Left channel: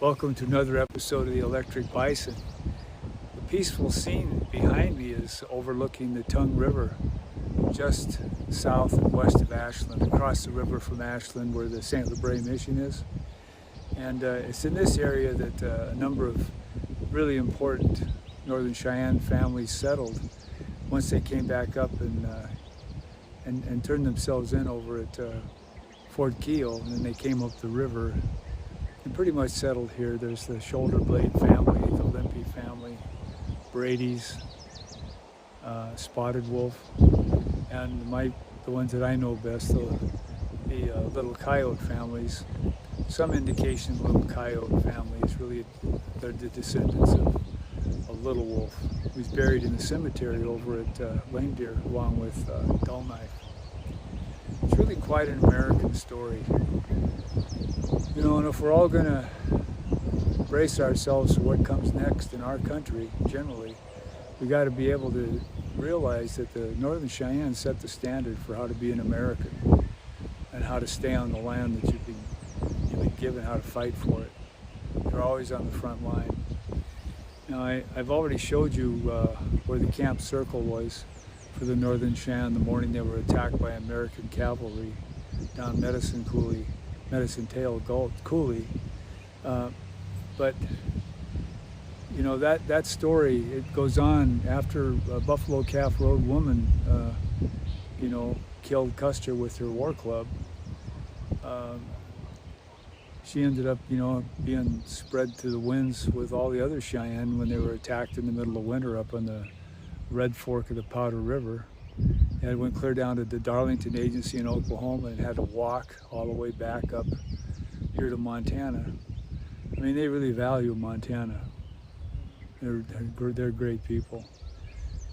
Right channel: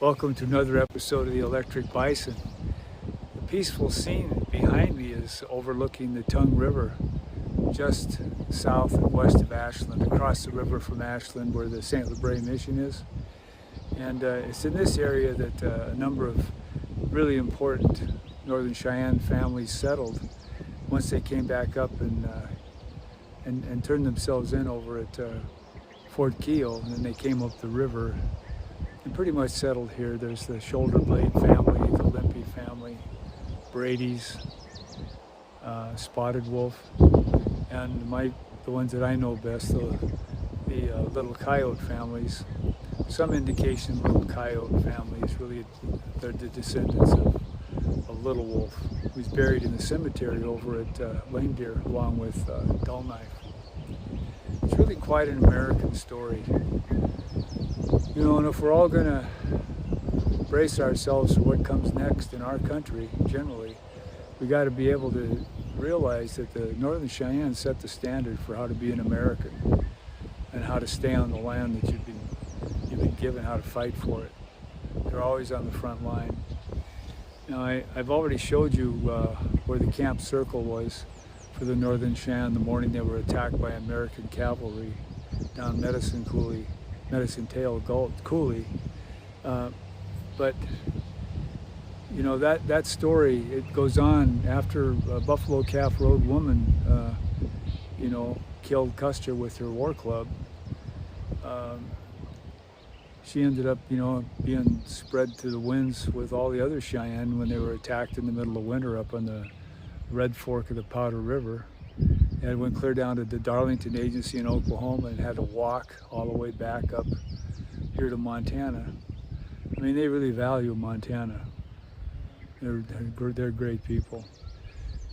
Welcome to another episode of the Electric Bison. The peaceful scene behind me is overlooking the Tongue River, just south and west of Ashland, across the river from Ashland where the St. Libre Mission is. And it's in this area that a number of really important Northern Cheyenne families settled once they came back up and turned themselves in over at Fort Keogh, and then they came up the river and pretty much settled here. There's the Shoulder Blade family, the Limpy family, Brady's, Spotted Wolf, and the ones that I know best, the Little Coyote families. Some indication Little Coyote family is really, they're the descendants of Little Wolf, who's buried in the cemetery over at Lame Deer along with Dull Knife. It's really quite an American story. You know, and if we're all going to brace ourselves for what comes next in our country, generally, we got to be able to realize that the Northern Cheyenne set the standard for how to be an American and how to stay on the land that you've been given, how to fight for it. They're always on the front line. Now, I've already showed you where the camp circle was for the Northern Cheyenne the morning they were attacked by American cavalry down Medicine Tail Coulee. But you know, that story, it goes on after a Buffalo Calf Road woman you know, killed Custer with her war club. She ended up, you know, being spread to the winds with all the other Cheyenne when they were attacked in the middle of winter up on the Red Fork of the Powder River. And it went clear down to the Darlington Agency in Oklahoma and had to walk all the way back up here to Montana. I mean, they really value Montana. They're great people.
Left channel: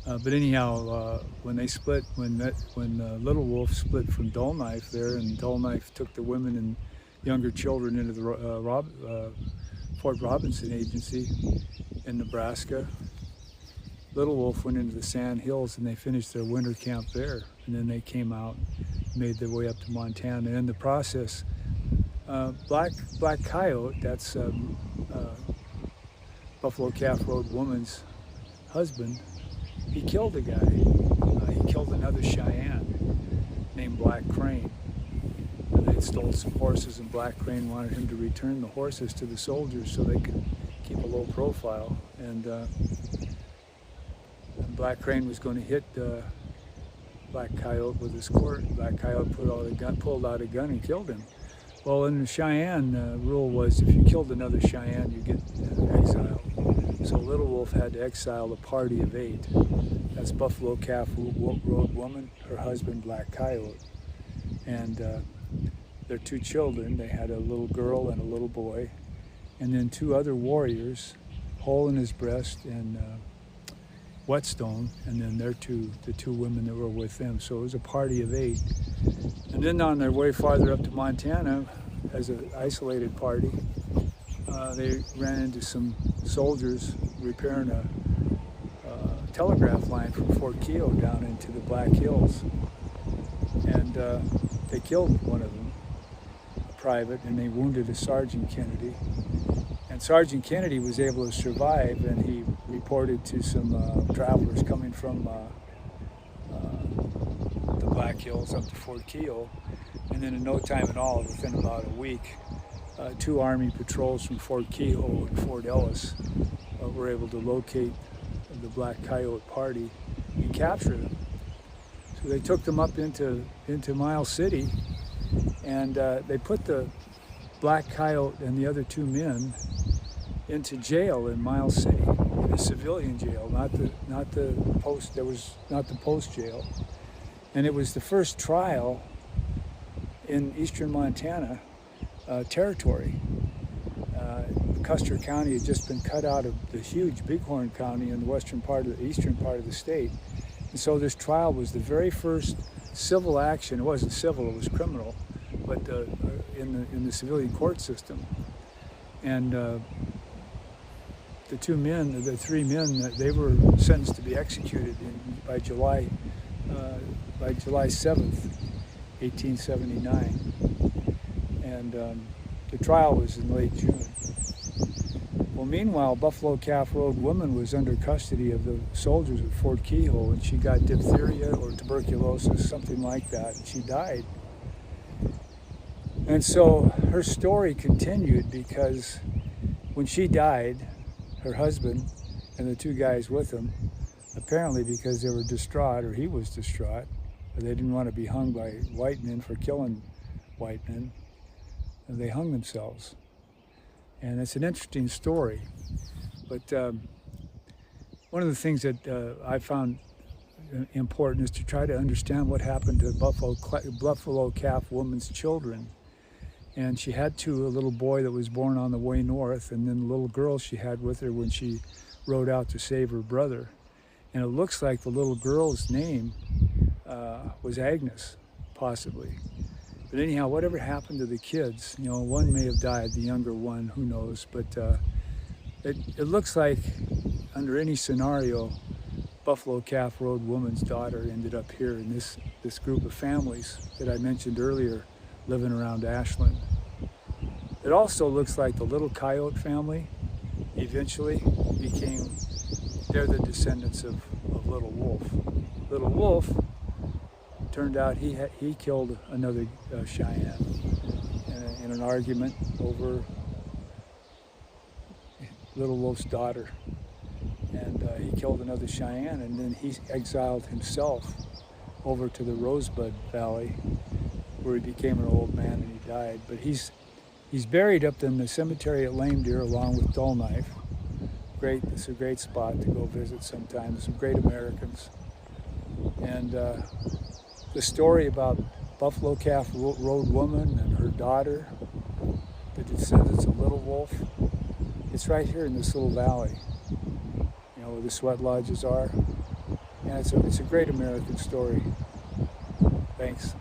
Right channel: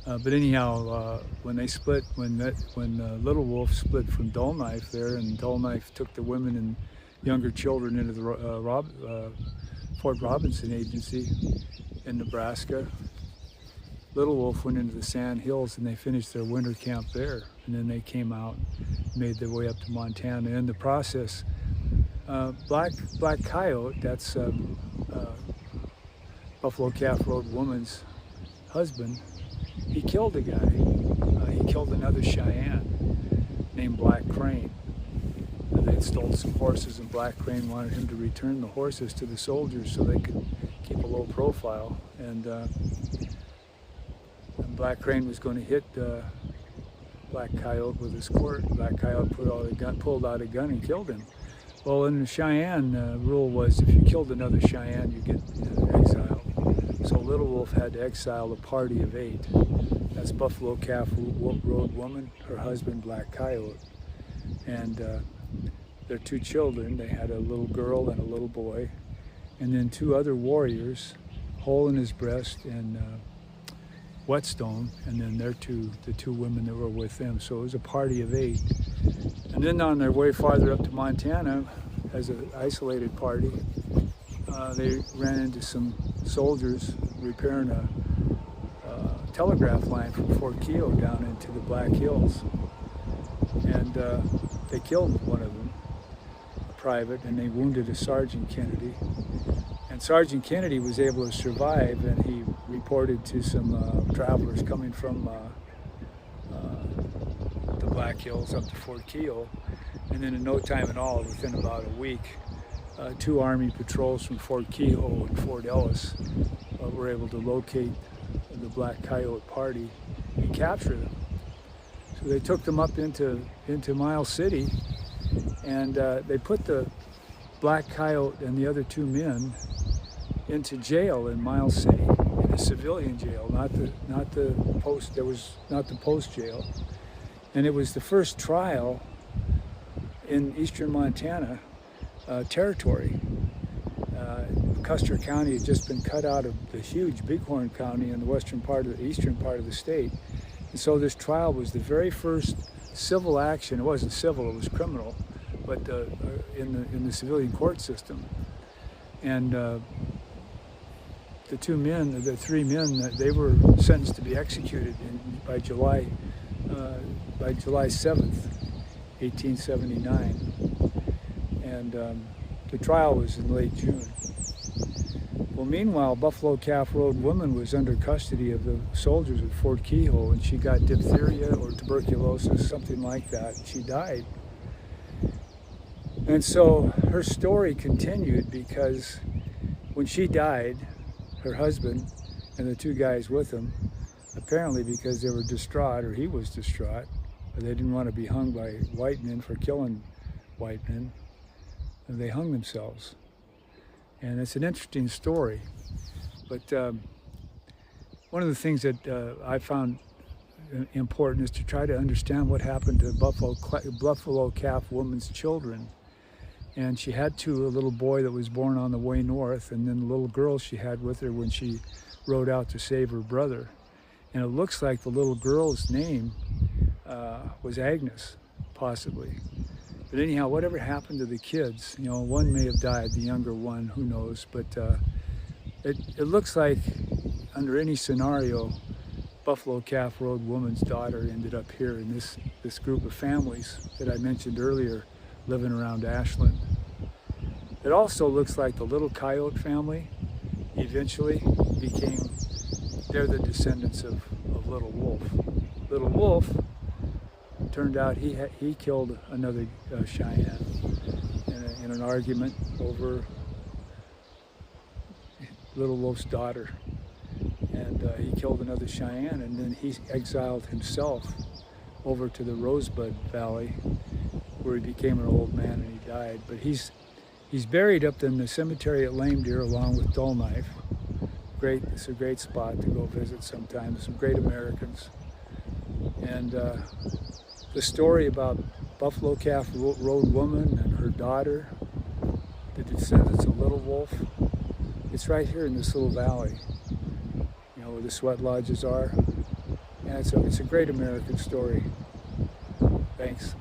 But anyhow, when they split, when Little Wolf split from Dull Knife there, and Dull Knife took the women and younger children into the Fort Robinson Agency in Nebraska, Little Wolf went into the Sand Hills and they finished their winter camp there. And then they came out and made their way up to Montana. In the process, Black Coyote, that's Buffalo Calf Road woman's husband, he killed a guy. He killed another Cheyenne named Black Crane. They'd stolen some horses, and Black Crane wanted him to return the horses to the soldiers so they could keep a low profile. And Black Crane was going to hit Black Coyote with his quirt. Black Coyote pulled out a gun and killed him. Well, in the Cheyenne, rule was if you killed another Cheyenne, you get exiled. So Little Wolf had to exile a party of 8. That's Buffalo Calf Road woman, her husband Black Coyote, and their 2 children. They had a little girl and a little boy, and then 2 other warriors, Hole in his breast and Whetstone, and then the 2 women that were with them. So it was a party of 8. And then on their way farther up to Montana, as an isolated party, they ran into some soldiers repairing a telegraph line from Fort Keogh down into the Black Hills. And they killed one of them, a private, and they wounded a Sergeant Kennedy. And Sergeant Kennedy was able to survive, and he reported to some travelers coming from the Black Hills up to Fort Keogh. And then in no time at all, within about a week, 2 Army patrols from Fort Keogh and Fort Ellis were able to locate the Black Coyote party and capture them. So they took them up into Miles City, and they put the Black Coyote and the other 2 men into jail in Miles City, in a civilian jail, not the post. There was not the post jail, and it was the first trial in eastern Montana territory. Custer County had just been cut out of the huge Bighorn County in the eastern part of the state, and so this trial was the very first civil action. It wasn't civil; it was criminal, but in the civilian court system. And the 3 men, they were sentenced to be executed by July 7th, 1879. And the trial was in late June. Well, meanwhile, Buffalo Calf Road woman was under custody of the soldiers at Fort Keogh, and she got diphtheria or tuberculosis, something like that, and she died. And so her story continued because when she died, her husband and the two guys with him, apparently because they were distraught, or he was distraught, or they didn't want to be hung by white men for killing white men, and they hung themselves. And it's an interesting story. But one of the things that I found important is to try to understand what happened to Buffalo Calf woman's children. And she had a little boy that was born on the way north, and then the little girl she had with her when she rode out to save her brother. And it looks like the little girl's name was Agnes, possibly. But anyhow, whatever happened to the kids, you know, one may have died, the younger one, who knows. But it looks like under any scenario, Buffalo Calf Road woman's daughter ended up here in this group of families that I mentioned earlier, living around Ashland. It also looks like the Little Coyote family eventually they're the descendants of Little Wolf. Little Wolf, turned out he killed another Cheyenne in an argument over Little Wolf's daughter. And he killed another Cheyenne, and then he exiled himself over to the Rosebud Valley, where he became an old man and he died. But he's buried up in the cemetery at Lame Deer along with Dull Knife. It's a great spot to go visit sometime. Some great Americans. And the story about Buffalo Calf Road woman and her daughter, the descendants of Little Wolf, it's right here in this little valley, you know, where the sweat lodges are. And it's a great American story. Thanks.